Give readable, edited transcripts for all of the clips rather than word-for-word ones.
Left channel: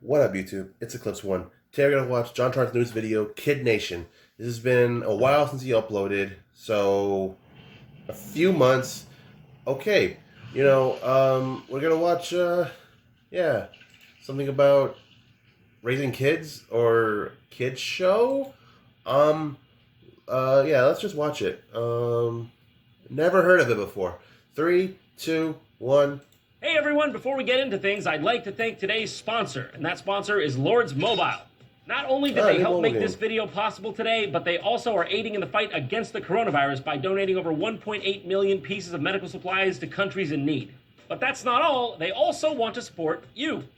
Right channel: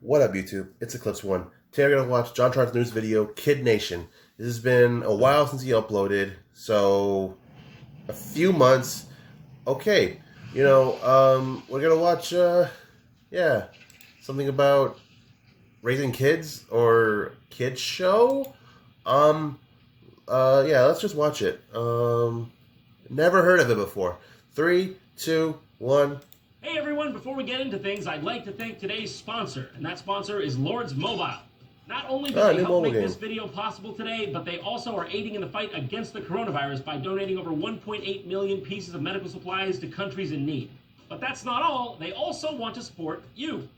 What up, YouTube? It's Eclipse One. Today we're gonna watch JonTron's newest video, Kid Nation. This has been a while since he uploaded, so a few months. Okay, we're gonna watch, something about raising kids or kids show. Let's just watch it. Never heard of it before. 3, 2, 1. Hey everyone, before we get into things, I'd like to thank today's sponsor, and that sponsor is Lords Mobile. Not only did they help make this video possible today, but they also are aiding in the fight against the coronavirus by donating over 1.8 million pieces of medical supplies to countries in need. But that's not all, they also want to support you.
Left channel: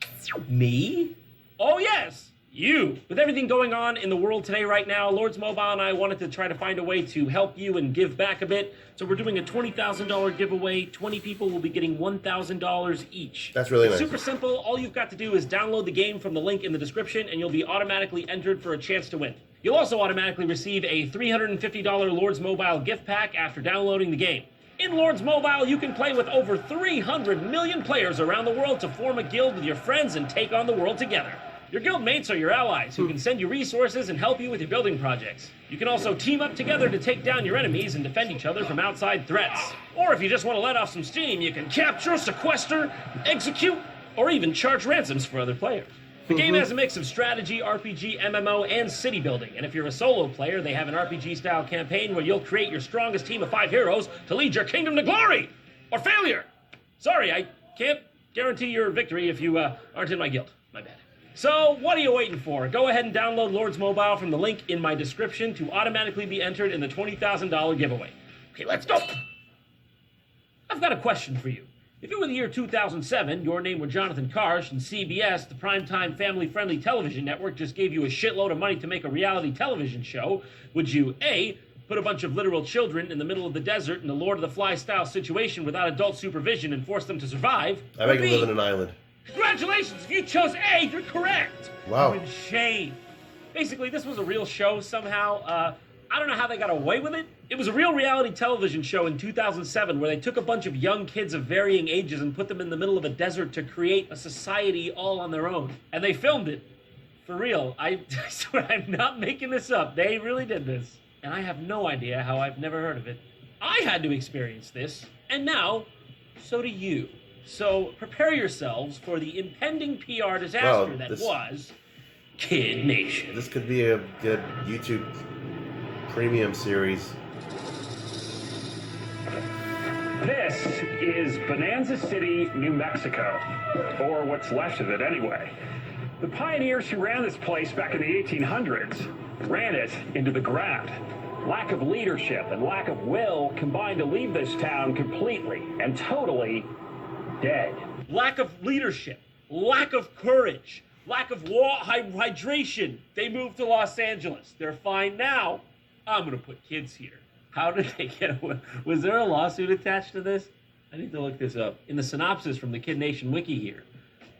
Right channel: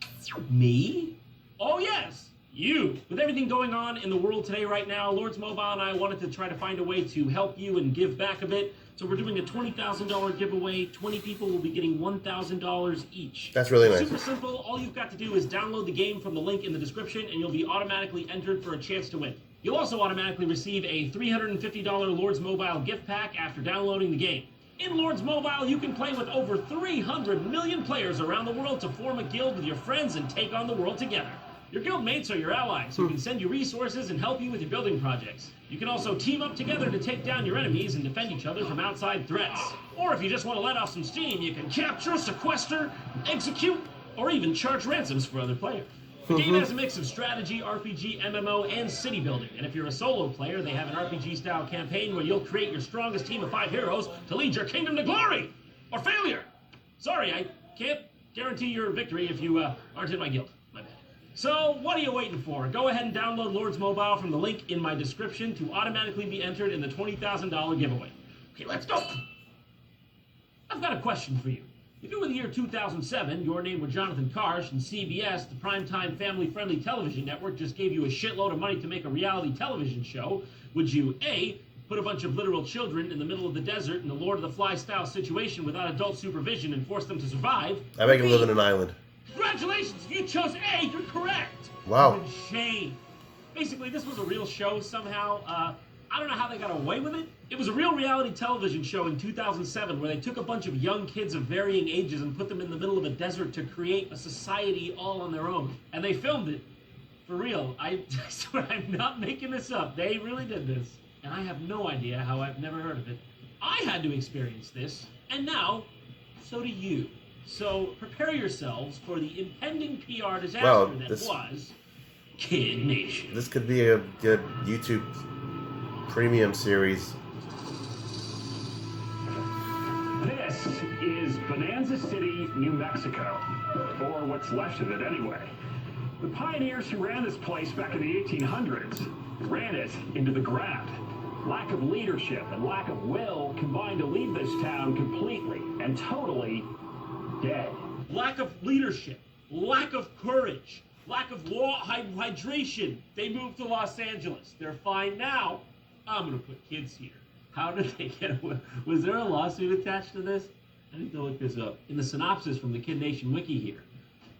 Me? Oh yes, you. With everything going on in the world today right now, Lords Mobile and I wanted to try to find a way to help you and give back a bit. So we're doing a $20,000 giveaway. 20 people will be getting $1,000 each. That's really nice. Super simple. All you've got to do is download the game from the link in the description and you'll be automatically entered for a chance to win. You'll also automatically receive a $350 Lords Mobile gift pack after downloading the game. In Lords Mobile, you can play with over 300 million players around the world to form a guild with your friends and take on the world together. Your guild mates are your allies who can send you resources and help you with your building projects. You can also team up together to take down your enemies and defend each other from outside threats. Or if you just want to let off some steam, you can capture, sequester, execute, or even charge ransoms for other players. The game has a mix of strategy, RPG, MMO, and city building. And if you're a solo player, they have an RPG-style campaign where you'll create your strongest team of 5 heroes to lead your kingdom to glory! Or failure! Sorry, I can't guarantee your victory if you aren't in my guild. My bad. So, what are you waiting for? Go ahead and download Lords Mobile from the link in my description to automatically be entered in the $20,000 giveaway. Okay, let's go! I've got a question for you. If it were the year 2007, your name were Jonathan Karsh, and CBS, the primetime family-friendly television network, just gave you a shitload of money to make a reality television show, would you, A, put a bunch of literal children in the middle of the desert in a Lord of the Flies-style situation without adult supervision and force them to survive? I make them live in an island. Congratulations! If you chose A, you're correct! Wow. You're in shame. Basically, this was a real show somehow. I don't know how they got away with it. It was a real reality television show in 2007 where they took a bunch of young kids of varying ages and put them in the middle of a desert to create a society all on their own. And they filmed it. For real. I swear I'm not making this up. They really did this. And I have no idea how I've never heard of it. I had to experience this. And now, so do you. So prepare yourselves for the impending PR disaster that was Kid Nation. This could be a good YouTube premium series. This is Bonanza City, New Mexico, or what's left of it anyway. The pioneers who ran this place back in the 1800s ran it into the ground. Lack of leadership and lack of will combined to leave this town completely and totally dead. Lack of leadership, lack of courage, lack of hydration. They moved to Los Angeles. They're fine now. I'm going to put kids here. How did they get away? Was there a lawsuit attached to this? I need to look this up. In the synopsis from the Kid Nation wiki here.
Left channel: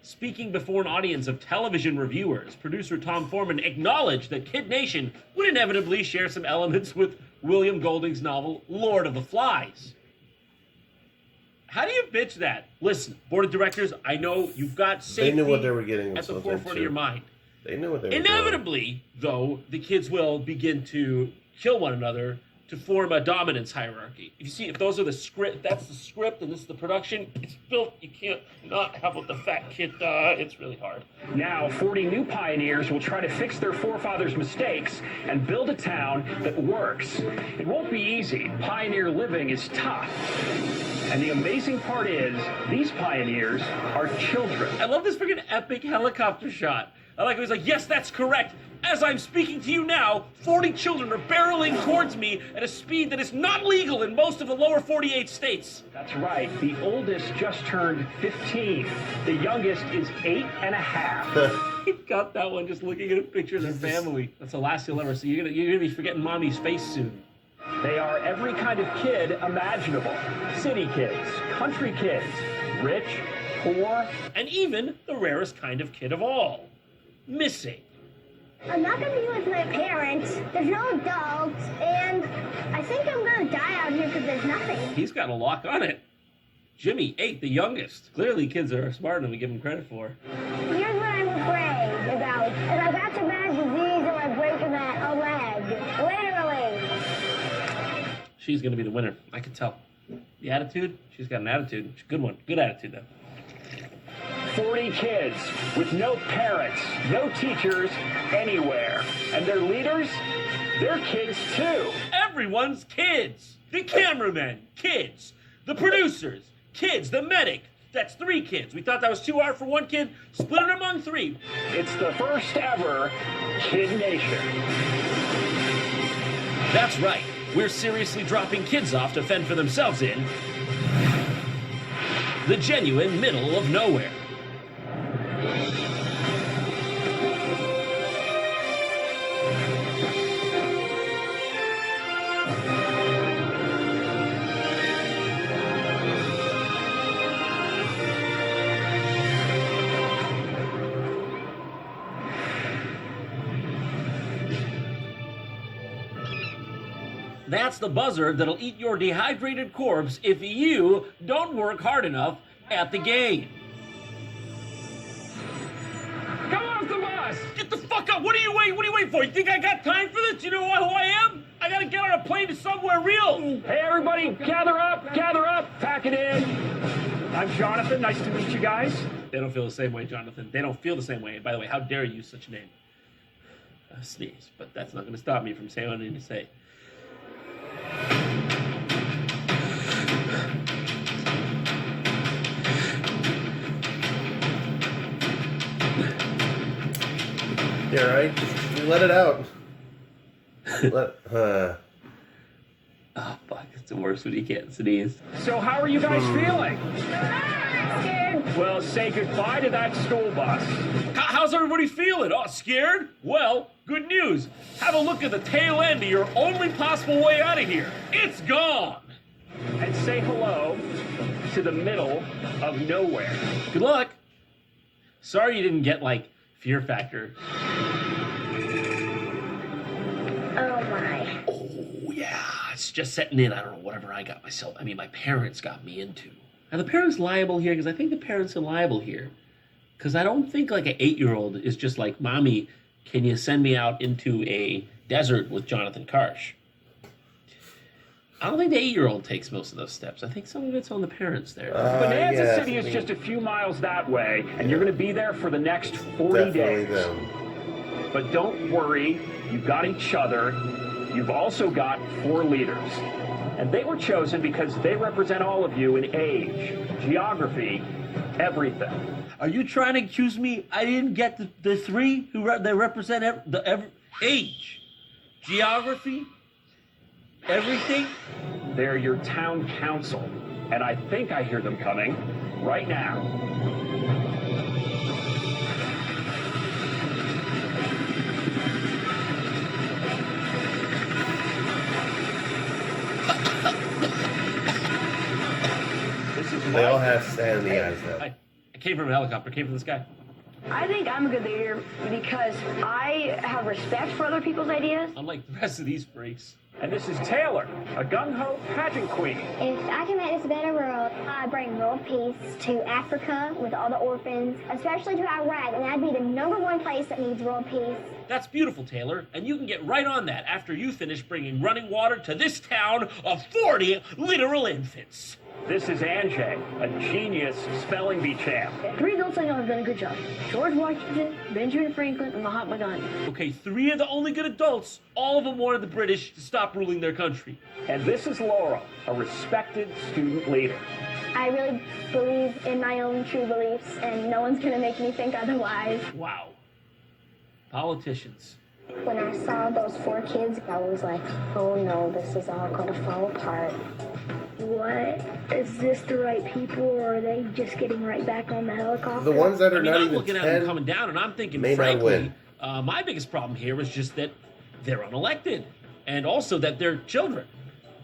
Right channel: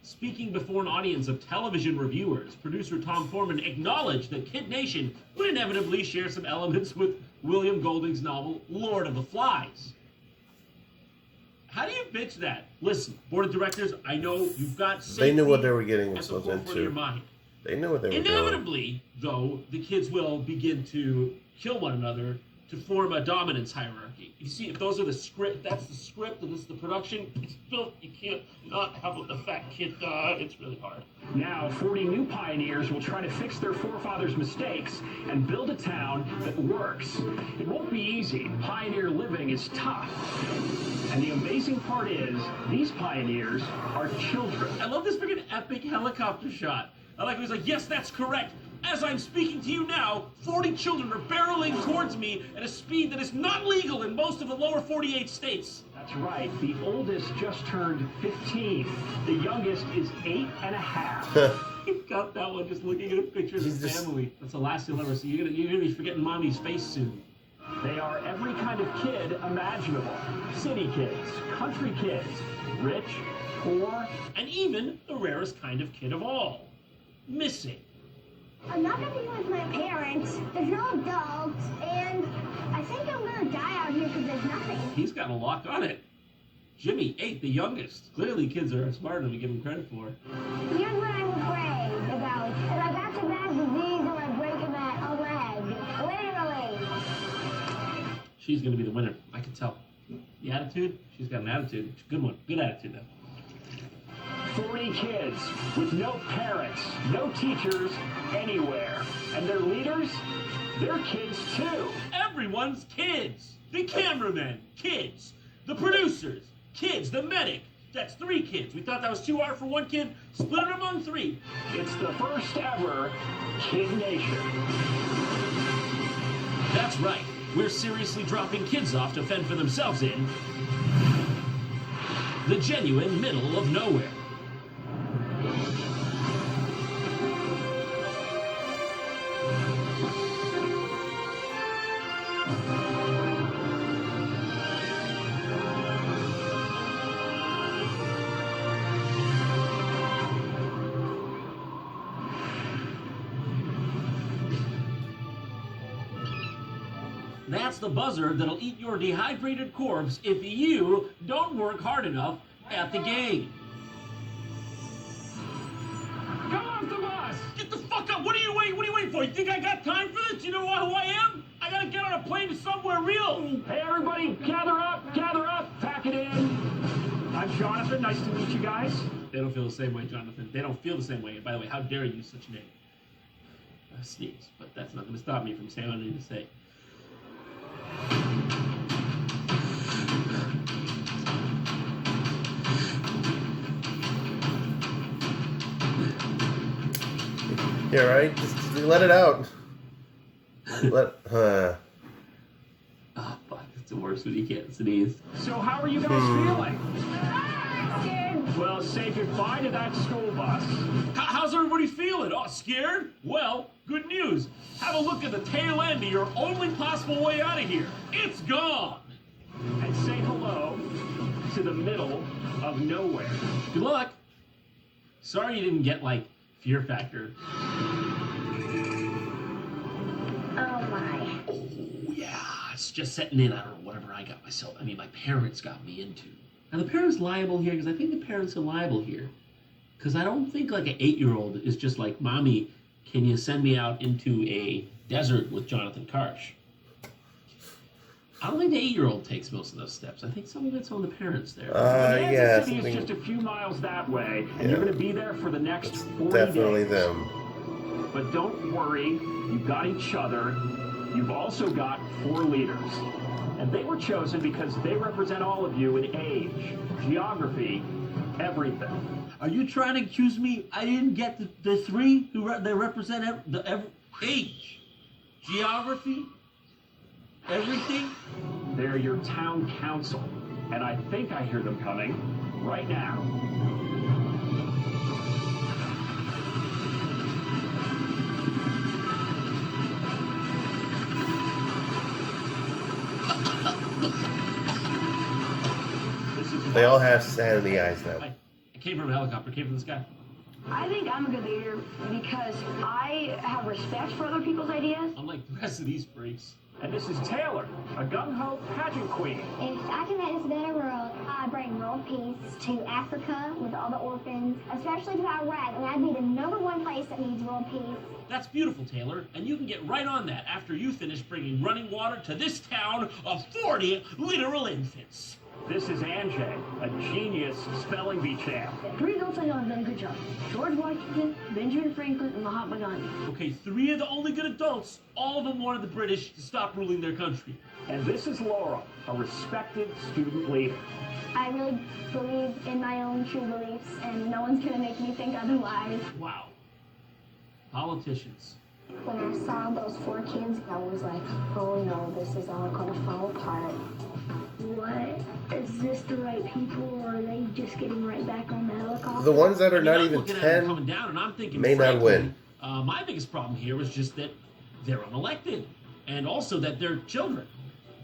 Speaking before an audience of television reviewers, producer Tom Foreman acknowledged that Kid Nation would inevitably share some elements with William Golding's novel, Lord of the Flies. How do you pitch that? Listen, board of directors, I know you've got safety They knew what they were getting at the themselves forefront into. of your mind. They knew what they were doing. Inevitably, though, the kids will begin to kill one another to form a dominance hierarchy. If you see, if those are the script, that's the script, and this is the production, it's built, you can't not have the fat kid, it's really hard. Now, 40 new pioneers will try to fix their forefathers' mistakes and build a town that works. It won't be easy. Pioneer living is tough. And the amazing part is, these pioneers are children. I love this freaking epic helicopter shot. I like how he's like, yes, that's correct. As I'm speaking to you now, 40 children are barreling towards me at a speed that is not legal in most of the lower 48 states. That's right. The oldest just turned 15. The youngest is 8 and a half. He got that one just looking at a picture of his family. That's the last you'll ever see. You're gonna be forgetting mommy's face soon. They are every kind of kid imaginable. City kids, country kids, rich, poor, and even the rarest kind of kid of all, missing. I'm not going to be with my parents, there's no adults, and I think I'm going to die out here because there's nothing. He's got a lock on it. Jimmy, 8, the youngest. Clearly kids are smarter than we give them credit for. Here's what I'm afraid about if I got some bad disease or I break a leg. Literally. She's going to be the winner. I can tell. The attitude? She's got an attitude. It's a good one. Good attitude, though. 40 kids with no parents, no teachers anywhere. And their leaders, they're kids too. Everyone's kids. The cameramen, kids. The producers, kids. The medic. That's 3 kids. We thought that was too hard for 1 kid. Split it among 3. It's the first ever Kid Nation. That's right. We're seriously dropping kids off to fend for themselves in the genuine middle of nowhere. That's the buzzard that'll eat your dehydrated corpse if you don't work hard enough at the game. Come off the bus! Get the fuck up! What are you waiting for? You think I got time for this? You know who I am? I gotta get on a plane to somewhere real. Hey everybody, gather up, pack it in. I'm Jonathan, nice to meet you guys. They don't feel the same way, Jonathan. They don't feel the same way. And by the way, how dare you use such a name? Sneeze, but that's not gonna stop me from saying what I need to say. Yeah, right? Just let it out. Oh, fuck. It's the worst when you can't sneeze. So how are you guys feeling? Well, say goodbye to that school bus. How's everybody feeling? Oh, scared? Well, good news. Have a look at the tail end of your only possible way out of here. It's gone. And say hello to the middle of nowhere. Good luck. Sorry you didn't get, like, Fear Factor. Oh my. Oh, yeah. It's just setting in. I don't know, whatever I got myself. I mean, my parents got me into. Are the parents liable here? Because I think the parents are liable here. Because I don't think, like, an 8-year-old is just like, Mommy, can you send me out into a desert with Jonathan Karsh? I don't think the 8-year-old takes most of those steps. I think some of it's on the parents there. Bonanza City is just a few miles that way, and you're going to be there for the next 40 Definitely days. them. But don't worry, you've got each other. You've also got 4 leaders. And they were chosen because they represent all of you in age, geography, everything. Are you trying to accuse me? I didn't get the 3 who they represent age, geography, everything? They're your town council, and I think I hear them coming right now. They all have sand in the eyes now. I came from a helicopter, came from the sky. I think I'm a good leader because I have respect for other people's ideas. Unlike the rest of these freaks. And this is Taylor, a gung-ho pageant queen. If I can make this a better world, I'd bring world peace to Africa with all the orphans, especially to Iraq. And that'd be the #1 place that needs world peace. That's beautiful, Taylor, and you can get right on that after you finish bringing running water to this town of 40 literal infants. This is Anjay, a genius spelling bee champ. 3 adults I know have done a good job. George Washington, Benjamin Franklin, and Mahatma Gandhi. Okay, 3 of the only good adults, all of them wanted the British to stop ruling their country. And this is Laurel, a respected student leader. I really believe in my own true beliefs, and no one's gonna make me think otherwise. Wow. Politicians. When I saw those 4 kids, I was like, oh no, this is all gonna fall apart. What? Is this the right people, or are they just getting right back on the helicopter? The ones that are I mean, not I'm even looking at them 10 coming down, and I'm thinking, may not frankly, win. My biggest problem here is just that they're unelected, and also that they're children.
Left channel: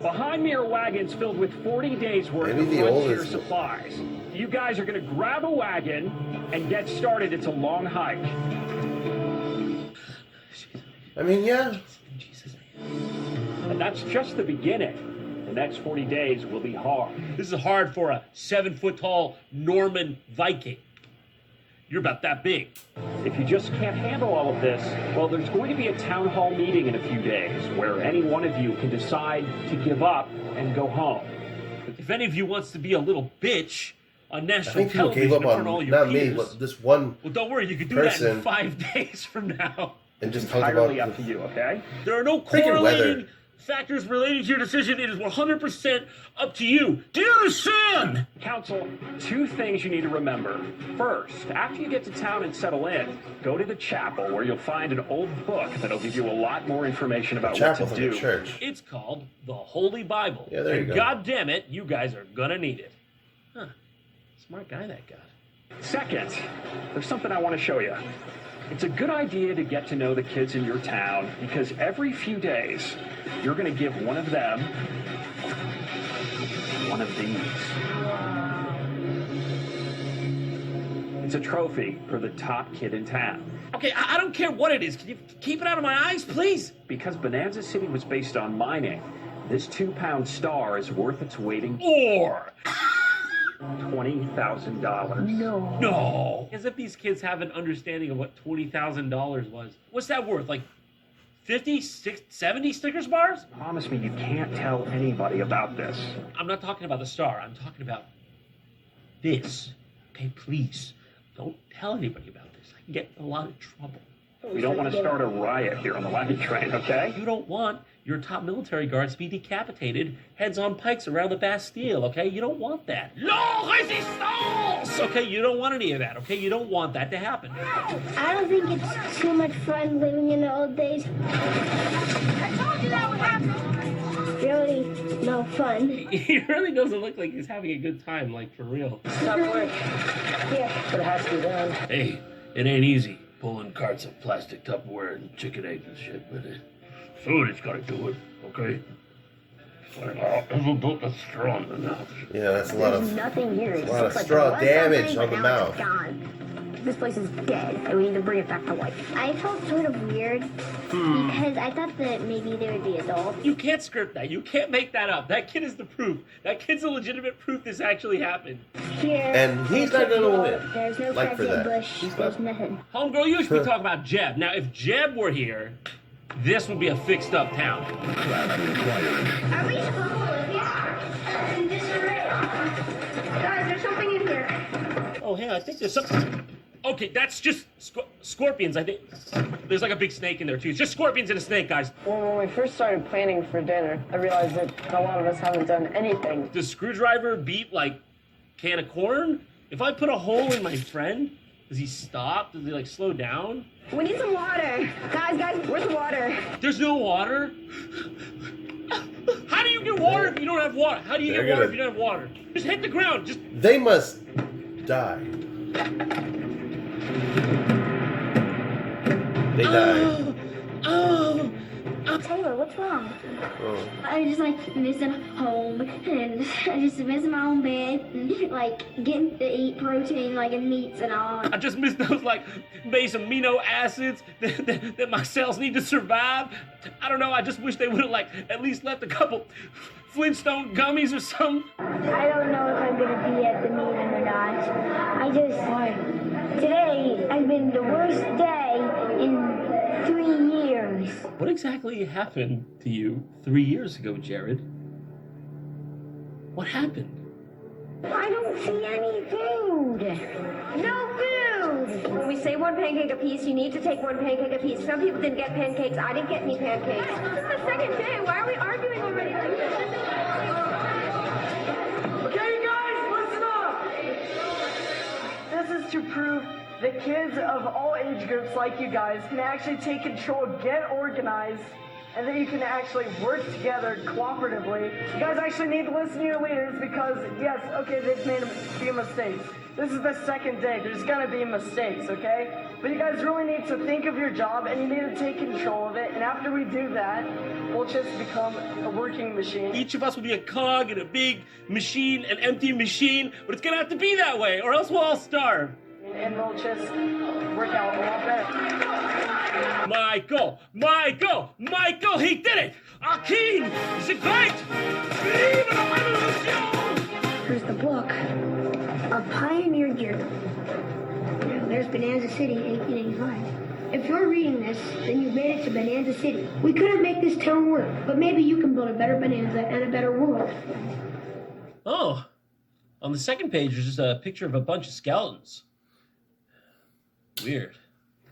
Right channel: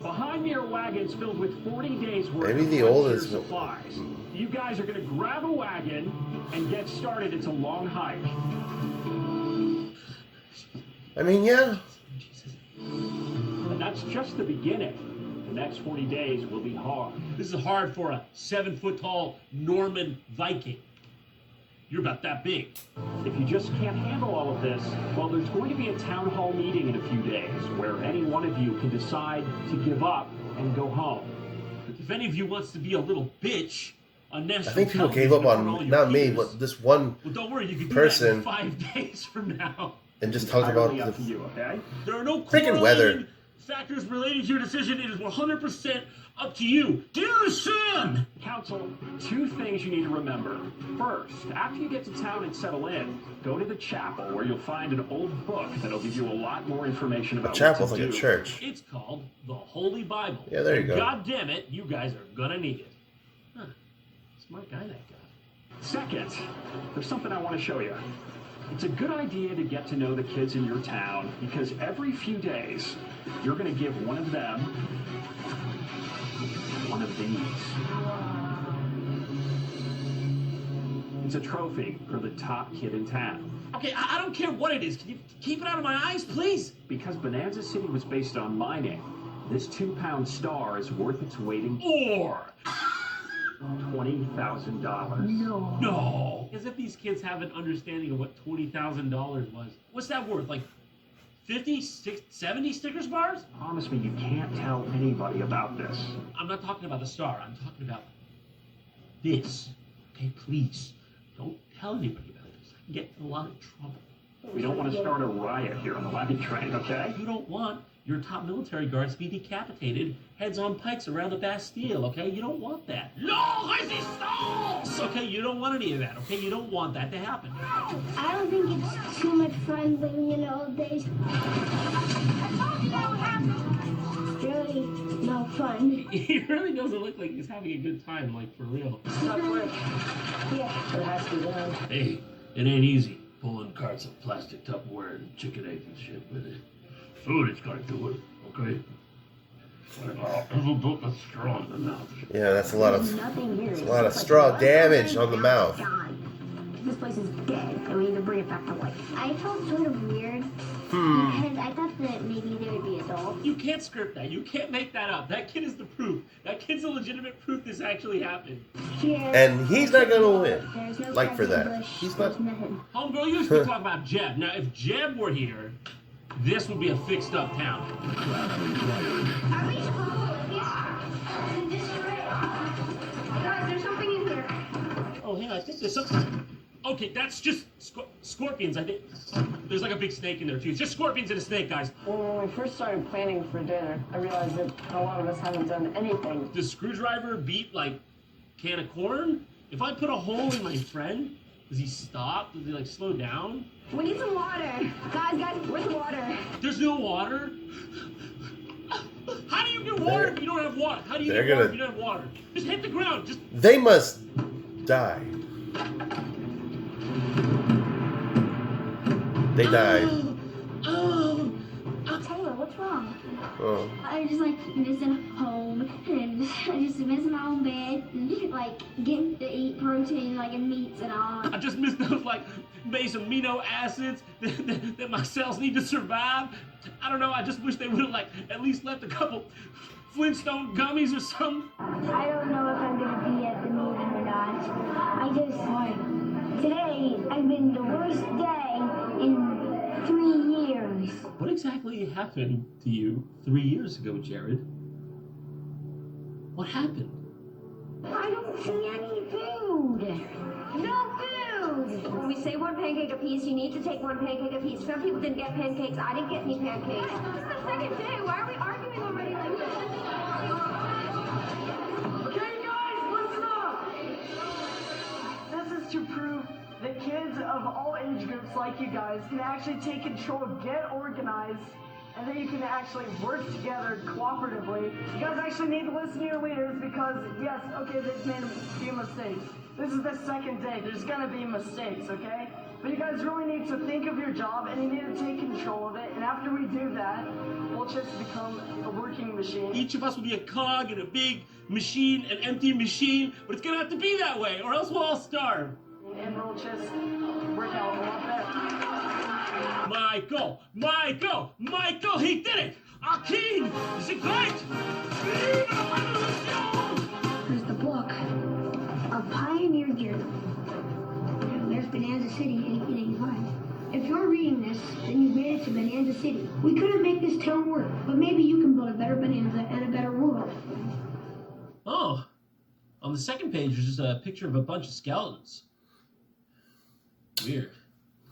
Behind me are wagons filled with 40 days worth Maybe of the frontier oldest- supplies. You guys are going to grab a wagon and get started. It's a long hike. I mean, yeah. Jesus. And that's just the beginning. The next 40 days will be hard. This is hard for a 7-foot-tall Norman Viking. You're about that big. If you just can't handle all of this, well, there's going to be a town hall meeting in a few days where any one of you can decide to give up and go home. If any of you wants to be a little bitch on national I think people gave up on, not me, but this one well, don't worry, you can do person that in 5 days from now. and just talked about Entirely up to you, okay? There are no freaking weather. correlating factors related to your decision. It is 100% up to you. Do you understand? Council, 2 things you need to remember. First, after you get to town and settle in, go to the chapel where you'll find an old book that'll give you a lot more information about chapel's what like to a do. church. It's called the Holy Bible. Yeah, there you And go. God damn it, you guys are gonna need it. Huh. Smart guy, that guy. Second, there's something I want to show you. It's a good idea to get to know the kids in your town because every few days, you're going to give one of them one of these. It's a trophy for the top kid in town. Okay, I don't care what it is. Can you keep it out of my eyes, please? Because Bonanza City was based on mining, this 2-pound star is worth its weight in Or $20,000. no. As if these kids have an understanding of what $20,000 was. What's that worth? Like 50, 60, 70 Snickers bars? Promise me you can't tell anybody about this. I'm not talking about the star. I'm talking about this. Okay, please. Don't tell anybody about this. I can get in a lot of trouble. We don't want to start a riot here on the wagon train, okay? You don't want your top military guards to be decapitated, heads on pikes around the Bastille, okay? You don't want that. No resistance! Okay, you don't want any of that, okay? You don't want that to happen. I don't think it's too much fun living in the old days. Really no fun. He really doesn't look like he's having a good time, like, for real. Yeah. But it has to be done. Hey, it ain't easy pulling carts of plastic Tupperware and chicken eggs and shit, but somebody's gotta do it, okay? I'll ever built a straw in the mouth. Yeah, that's a lot There's of nothing here. a lot of straw damage on the mouth. This place is dead, and we need to bring it back to life. I felt sort of weird because I thought that maybe there would be adults. You can't script that. You can't make that up. That kid is the proof. That kid's a legitimate proof this actually happened. Here. And he's not gonna win. There's no Like for that. bush. He's There's not. nothing. Homegirl, you used to talk about Jeb. Now, if Jeb were here, this would be a fixed up town. Are we supposed to live here? In disarray. Guys, there's something in here. Oh, yeah, I think there's something. Okay, that's just scorpions, I think. There's like a big snake in there, too. It's just scorpions and a snake, guys. Well, when we first started planning for dinner, I realized that a lot of us haven't done anything. Does screwdriver beat, like, can of corn? If I put a hole in my friend, does he stop? Does he, like, slow down? We need some water. Guys, where's the water? There's no water? How do you get water if you don't have water? How do you They're get water gonna- if you don't have water? Just hit the ground. Just They must die. They died. Oh. Taylor, what's wrong? Oh. I just like missing home and I just miss my own bed and like getting to eat protein like in meats and all. I just miss those like base amino acids that my cells need to survive. I don't know. I just wish they would have like at least left a couple Flintstone gummies or something. I don't know if I'm gonna be at the meeting or not. Today has been the worst day in 3 years. What exactly happened to you 3 years ago, Jared? What happened? I don't see any food. No food. When we say one pancake a piece, you need to take one pancake a piece. Some people didn't get pancakes. I didn't get any pancakes. This is the second day. Why are we arguing already like this? Okay, guys, listen up! This is to prove that kids of all age groups like you guys can actually take control, get organized, and that you can actually work together cooperatively. You guys actually need to listen to your leaders because, yes, okay, they've made a few mistakes. This is the second day. There's gonna be mistakes, okay? But you guys really need to think of your job and you need to take control of it. And after we do that, we'll just become a working machine. Each of us will be a cog in a big machine, an empty machine, but it's gonna have to be that way, or else we'll all starve. And we'll just work out a lot better. Michael! He did it! Our king! Is it great? Here's the book. A Pioneer Journal. There's Bonanza City in 1885. If you're reading this, then you made it to Bonanza City. We couldn't make this town work, but maybe you can build a better Bonanza and a better world. Oh, on the second page, there's just a picture of a bunch of skeletons. Weird.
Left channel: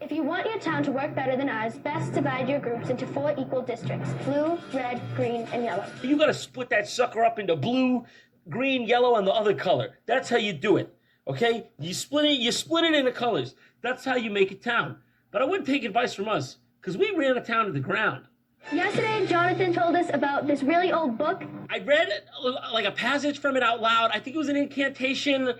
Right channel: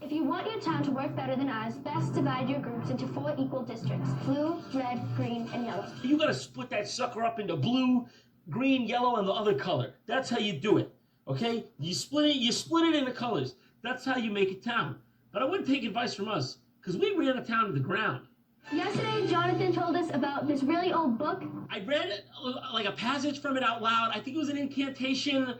If you want your town to work better than ours, best divide your groups into 4 equal districts: blue, red, green, and yellow. You gotta split that sucker up into blue, green, yellow, and the other color. That's how you do it, okay? You split it into colors. That's how you make a town. But I wouldn't take advice from us, because we ran a town to the ground. Yesterday, Jonathan told us about this really old book. I read like a passage from it out loud. I think it was an incantation.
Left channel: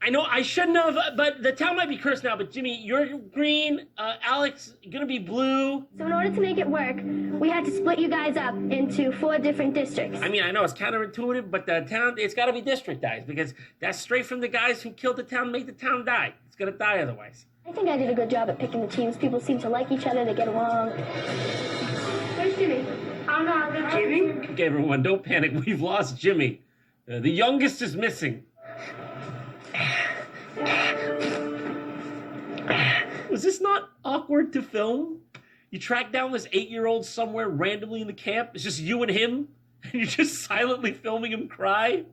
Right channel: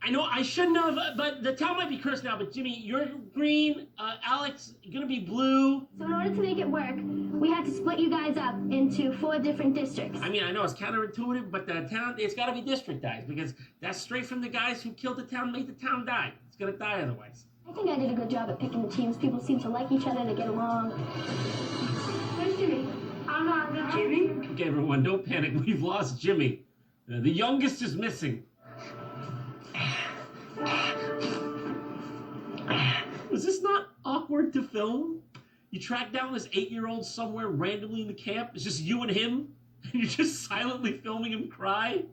I know I shouldn't have, but the town might be cursed now. But Jimmy, you're green. Alex, gonna be blue. So in order to make it work, we had to split you guys up into 4 different districts. I mean, I know it's counterintuitive, but the town, it's got to be districtized because that's straight from the guys who killed the town, made the town die. It's gonna die otherwise. I think I did a good job at picking the teams. People seem to like each other. They get along. Where's Jimmy? I'm not the Jimmy? Okay, everyone, don't panic. We've lost Jimmy. The youngest is missing. Was this not awkward to film? You track down this 8-year-old somewhere randomly in the camp. It's just you and him, and you're just silently filming him cry.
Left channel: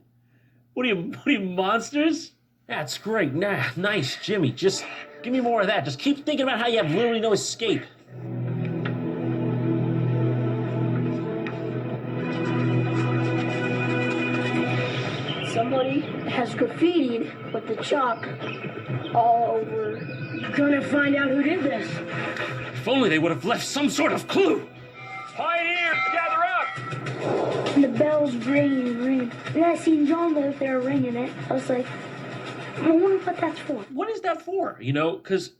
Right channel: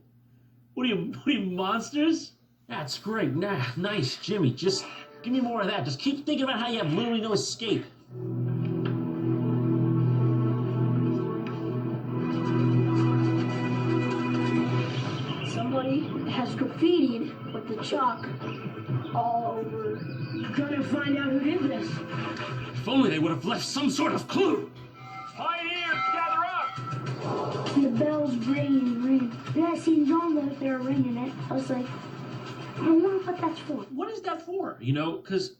What are you monsters? That's great. Nice, Jimmy. Just give me more of that. Just keep thinking about how you have literally no escape. Somebody has graffitied with the chalk all over. Gonna find out who did this. If only they would have left some sort of clue. Pioneers, gather up! And the bell's ringing. Then I seen John out there ringing it. I was like, I wonder what that's for. What is that for? You know, because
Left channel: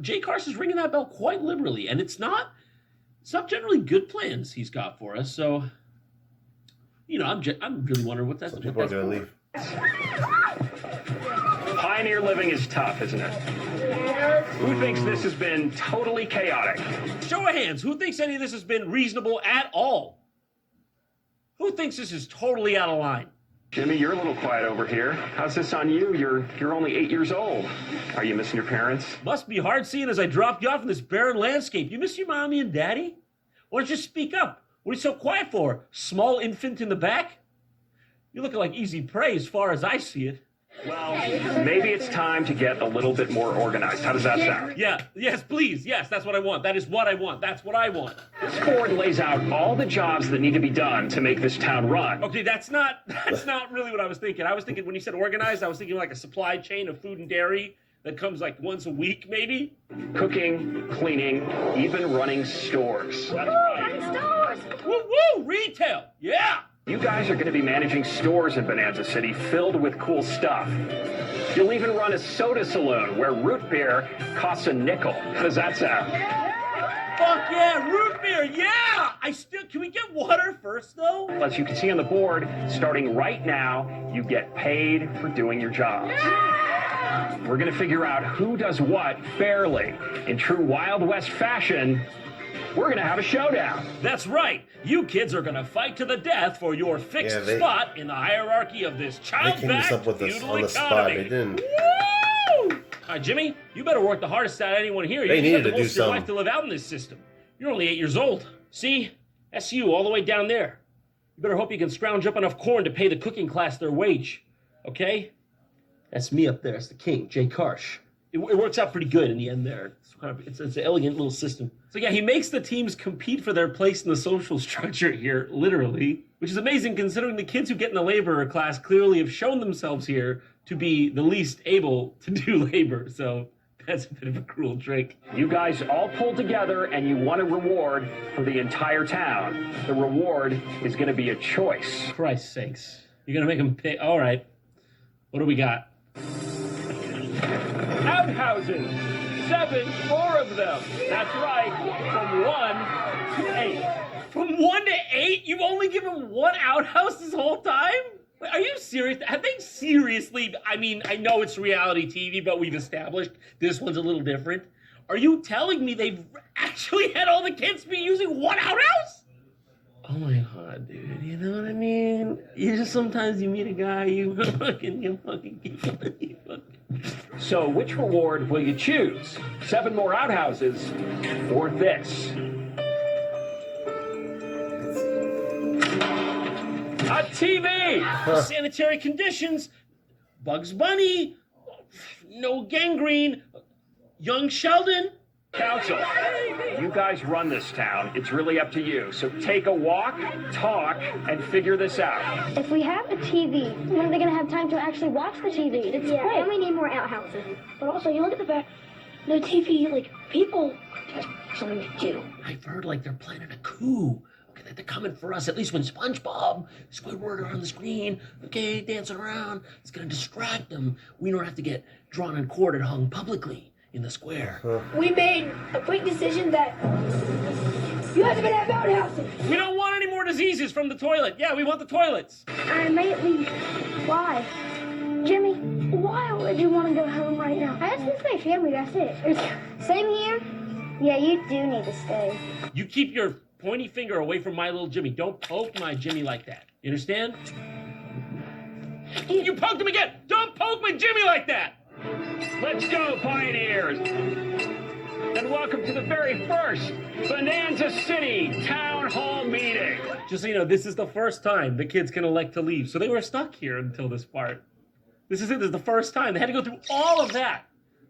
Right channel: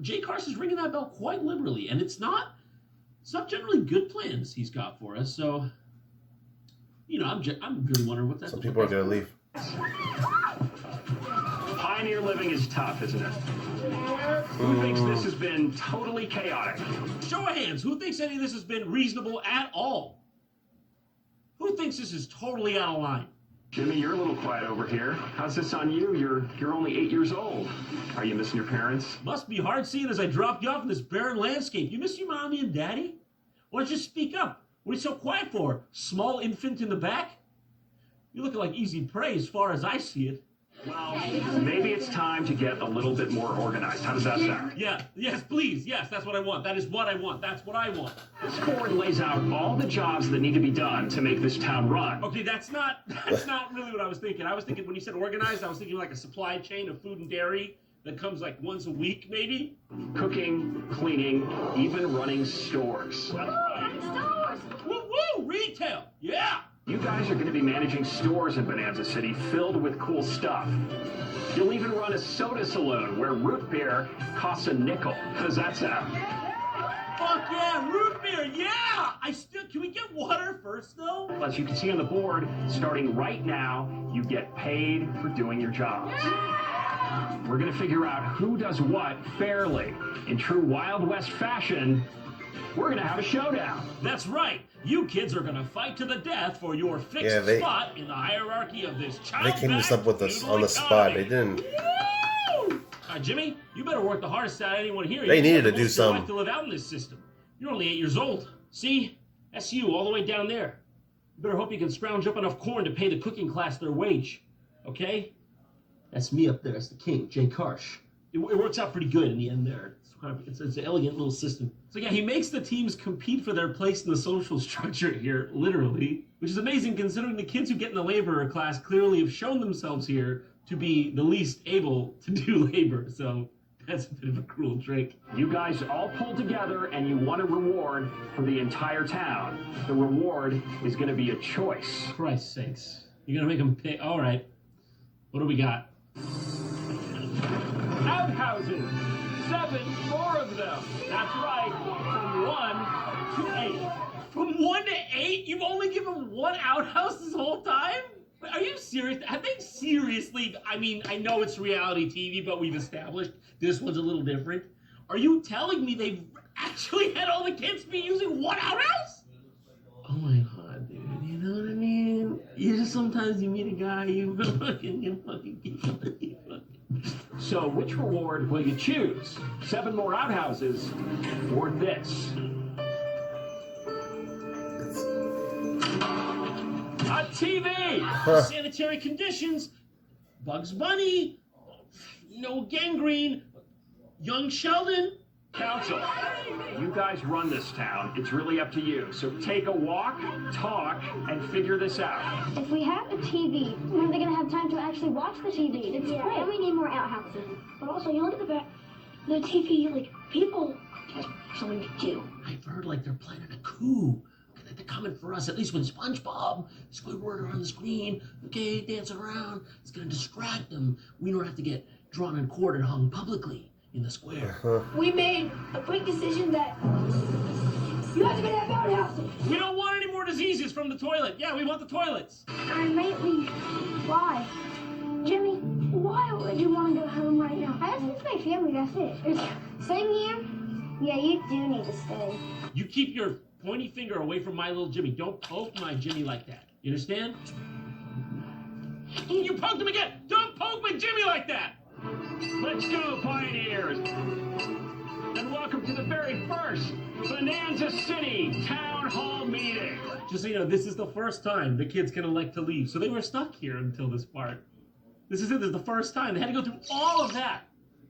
Jay Carson's ringing that bell quite liberally, and it's not generally good plans he's got for us. So, you know, I'm really wondering what that's. Some people are gonna leave. Pioneer living is tough, isn't it? Who thinks this has been totally chaotic? Show of hands. Who thinks any of this has been reasonable at all? Who thinks this is totally out of line? Jimmy, you're a little quiet over here. How's this on you? You're only 8 years old. Are you missing your parents? Must be hard seeing as I dropped you off in this barren landscape. You miss your mommy and daddy? Why don't you speak up? What are you so quiet for? Small infant in the back? You're looking like easy prey as far as I see it. Well, maybe it's time to get a little bit more organized. How does that sound? Yeah, yes, please. Yes, that's what I want. That is what I want. That's what I want. This board lays out all the jobs that need to be done to make this town run. Okay, that's not really what I was thinking. I was thinking when you said organized, I was thinking like a supply chain of food and dairy that comes like once a week, maybe. Cooking, cleaning, even running stores. That's right. Stores! Woo, retail. Yeah. You guys are going to be managing stores in Bonanza City filled with cool stuff. You'll even run a soda saloon where root beer costs a nickel. How does that sound? Fuck yeah, root beer, yeah! Can we get water first, though? As you can see on the board, starting right now, you get paid for doing your jobs. We're going to figure out who does what fairly. In true Wild West fashion, we're going to have a showdown. That's right. You kids are going to fight to the death for your fixed spot in the hierarchy of this child. They came this up with us on the spot. They didn't. Woo! All right, Jimmy, you better work the hardest out of anyone here. They needed to do something. You have to live out in this system. You're only 8 years old. See? That's you all the way down there. You better hope you can scrounge up enough corn to pay the cooking class their wage. Okay? That's me up there. That's the king, Jay Karsh. It works out pretty good in the end there. It's an elegant little system. So yeah, he makes the teams compete for their place in the social structure here, literally, which is amazing considering the kids who get in the laborer class clearly have shown themselves here to be the least able to do labor. So that's a bit of a cruel trick. You guys all pull together and you want a reward for the entire town. The reward is going to be a choice. Christ's sakes. You're going to make them pay. All right. What do we got? Outhouses. 4 of them. That's right. From 1 to 8. From 1 to 8? You've only given 1 outhouse this whole time? Are you serious? Have they seriously? I mean, I know it's reality TV, but we've established this one's a little different. Are you telling me they've actually had all the kids be using 1 outhouse? Oh my god, dude. You know what I mean? You just sometimes you meet a guy, you fucking keep on. So which reward will you choose? 7 more outhouses or this? A TV! Sanitary conditions, Bugs Bunny, no gangrene, young Sheldon. Council, you guys run this town. It's really up to you. So take a walk, talk, and figure this out. If we have a TV, when are they going to have time to actually watch the TV? It's great. And we need more outhouses. But also, you look at the fact, the TV, like, people just something to do. I've heard like they're planning a coup. Okay, that they're coming for us. At least when SpongeBob, Squidward are on the screen, okay, dancing around, it's gonna distract them. We don't have to get drawn and quartered, hung publicly in the square. We made a quick decision that you guys are going to have outhouses. We don't want any more diseases from the toilet. Yeah, we want the toilets. I might leave. Why? Jimmy, why would you want to go home right now? I just miss my family, that's it. Same here. Yeah, you do need to stay. You keep your pointy finger away from my little Jimmy. Don't poke my Jimmy like that. You understand? You poked him again. Don't poke my Jimmy like that. Let's go, Pioneers! And welcome to the very first Bonanza City Town Hall meeting. Just so you know, this is the first time the kids can elect to leave. So they were stuck here until this part. This is it. This is the first time. They had to go through all of that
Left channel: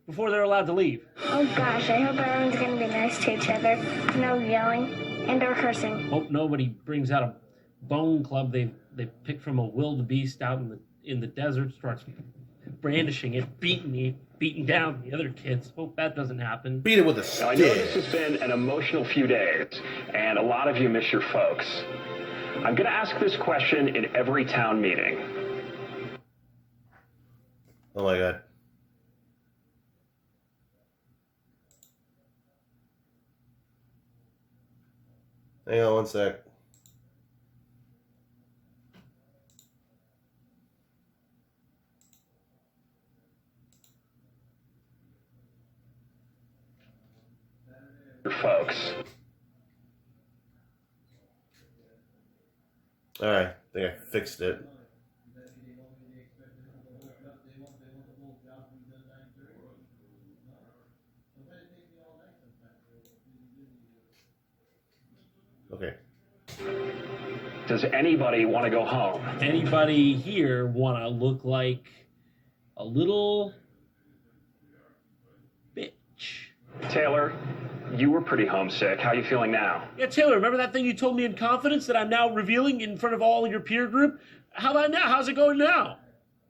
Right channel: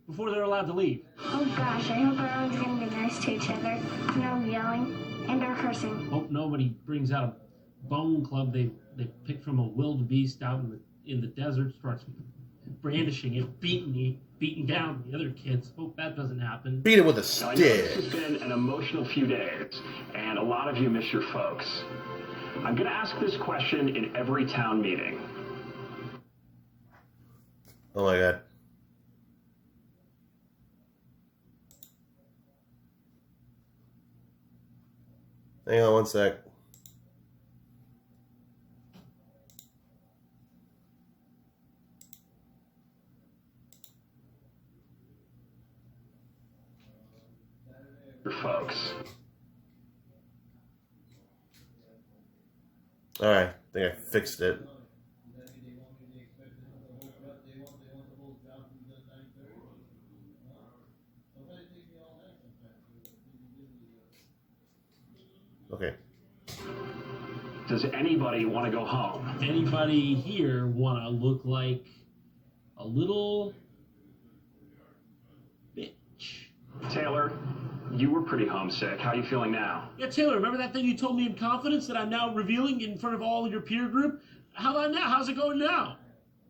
before they're allowed to leave. Oh gosh, I hope everyone's going to be nice to each other. No yelling and or cursing. Hope nobody brings out a bone club they picked from a wildebeest out in the desert, starts brandishing it, beating down the other kids. Hope that doesn't happen. Beat it with a Now, I know this stick. has been an emotional few days, and a lot of you miss your folks. I'm going to ask this question in every town meeting. Oh my god. Hang on one sec. Your folks. Alright, I think I fixed it. Okay. Does anybody want to go home? Anybody here want to look like a little bitch? Taylor, you were pretty homesick. How are you feeling now? Yeah, Taylor, remember that thing you told me in confidence that I'm now revealing in front of all your peer group? How about now? How's it going now?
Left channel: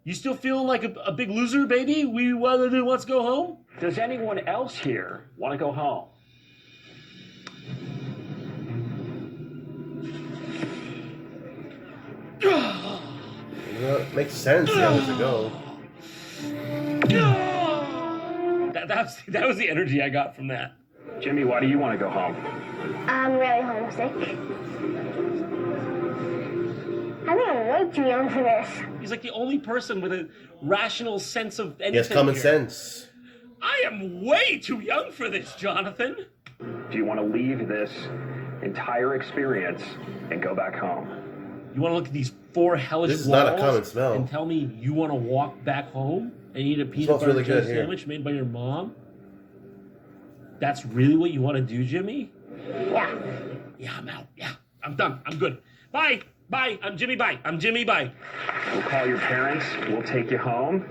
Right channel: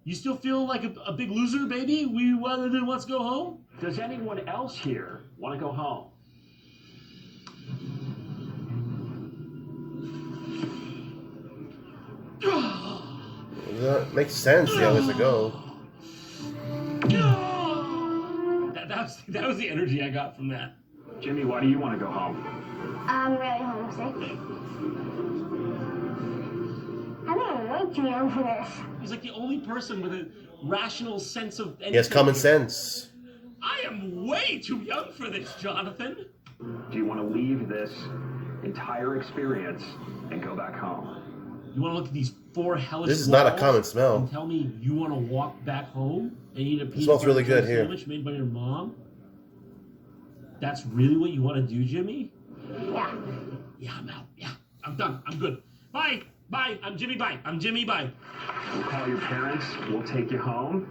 You still feeling like a big loser, baby? We wants to go home? Does anyone else here want to go home? That makes sense, the others to go. That was the energy I got from that. Jimmy, why do you want to go home? I'm really homesick. I'm way too young for this. He's like the only person with a rational sense of anything. He has common here. sense. I am way too young for this, Jonathan. Do you want to leave this entire experience and go back home? You want to look at these 4 hellish This is not a walls common smell. and tell me you want to walk back home and eat a peanut smells butter really jelly good here. sandwich made by your mom? That's really what you want to do, Jimmy? Yeah. Yeah, I'm out. Yeah, I'm done. I'm good. Bye. Bye. I'm Jimmy. Bye. I'm Jimmy. Bye. We'll call your parents. We'll take you home.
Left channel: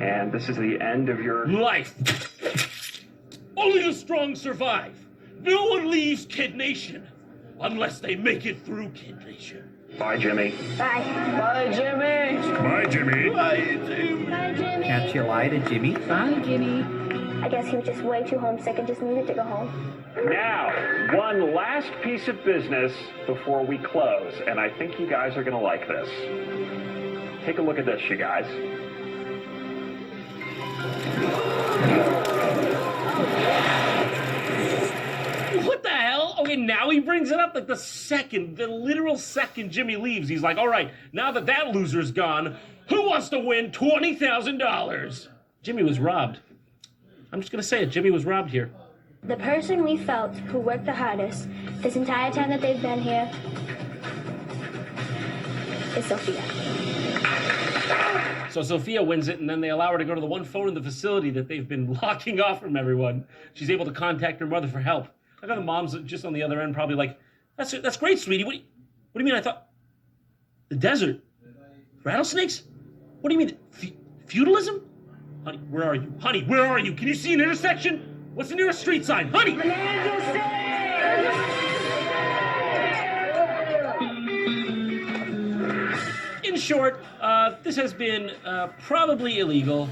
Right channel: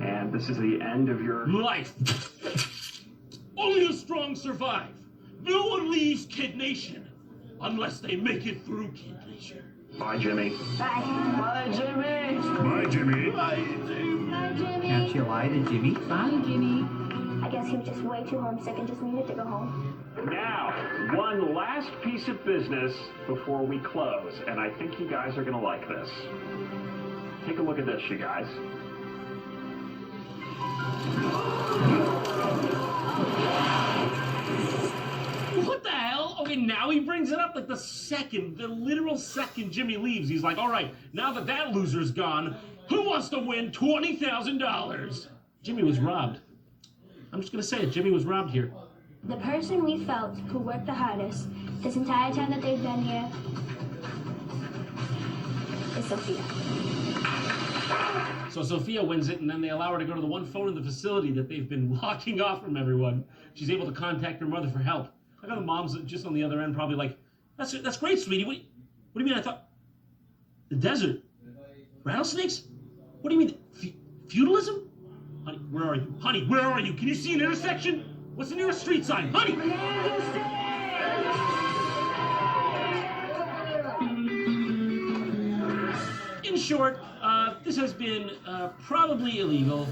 And this is the end of your... Life. Only the strong survive. No one leaves Kid Nation unless they make it through Kid Nation. Bye, Jimmy. Bye. Bye, Jimmy. Bye, Jimmy. Bye, Jimmy. Can't you lie to Jimmy? Bye, Jimmy. I guess he was just way too homesick and just needed to go home. Now, one last piece of business before we close, and I think you guys are going to like this. Take a look at this, you guys. What the hell? Okay, now he brings it up like the literal second Jimmy leaves. He's like, all right, now that loser's gone, who wants to win $20,000? Jimmy was robbed. I'm just going to say it. Jimmy was robbed here. The person we felt who worked the hardest this entire time that they've been here is Sophia. So Sophia wins it, and then they allow her to go to the one phone in the facility that they've been locking off from everyone. She's able to contact her mother for help. I got the mom's just on the other end, probably like, that's great, sweetie. What do you mean? I thought the desert, rattlesnakes. What do you mean, feudalism? Honey, where are you? Honey, where are you? Can you see an intersection? What's the nearest street sign? Honey! In short, this has been probably illegal,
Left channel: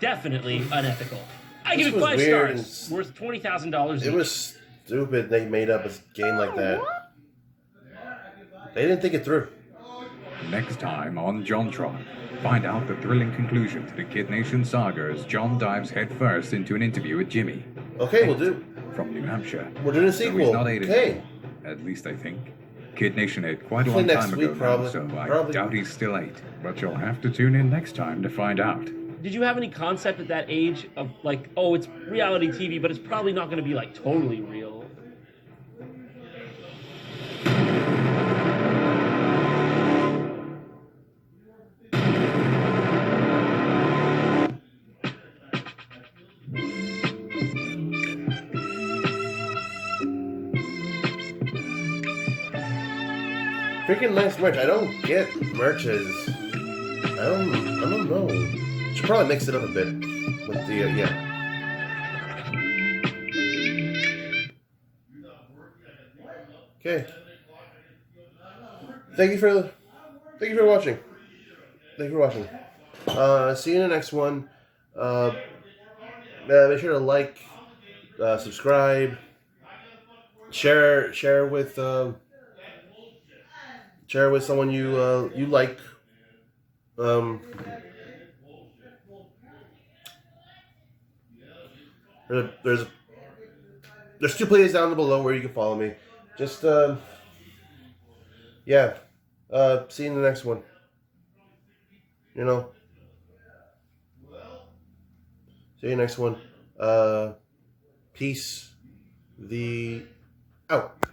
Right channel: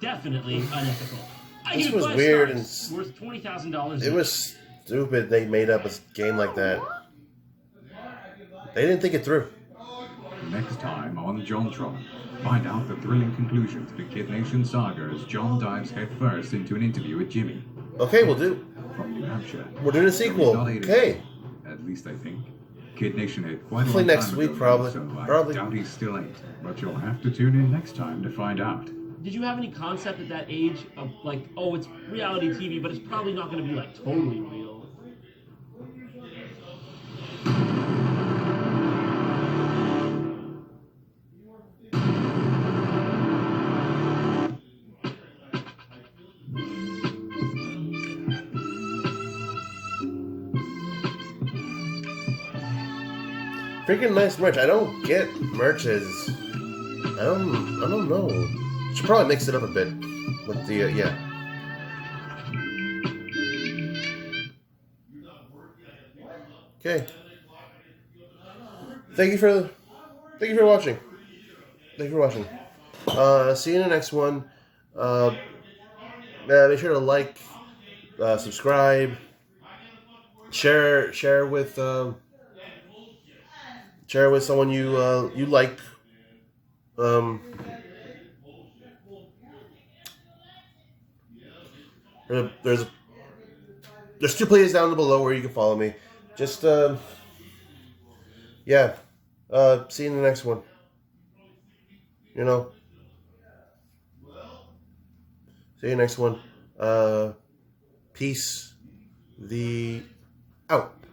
definitely unethical. I give it 5 weird stars, worth $20,000. It was stupid they made up a game like that. They didn't think it through. Next time on JonTron, find out the thrilling conclusion to the Kid Nation saga as John dives headfirst into an interview with Jimmy. Okay, we'll do. From New Hampshire. We're doing a sequel. Okay. At least I think. Kid Nation ate quite a Hopefully long next time week, ago, probably. so I Probably. doubt he's still 8. But you'll have to tune in next time to find out. Did you have any concept at that age of like, oh, it's reality TV, but it's probably not going to be like totally real? Freaking nice merch. I don't get merches. I don't know. Should probably mix it up a bit with the yeah. Okay. Thank you for watching. Thank you for watching. See you in the next one. Make sure to like, subscribe, share with someone you like. There's 2 places down below where you can follow me. Just yeah. See you in the next one. You know. See you next one. Peace. Out.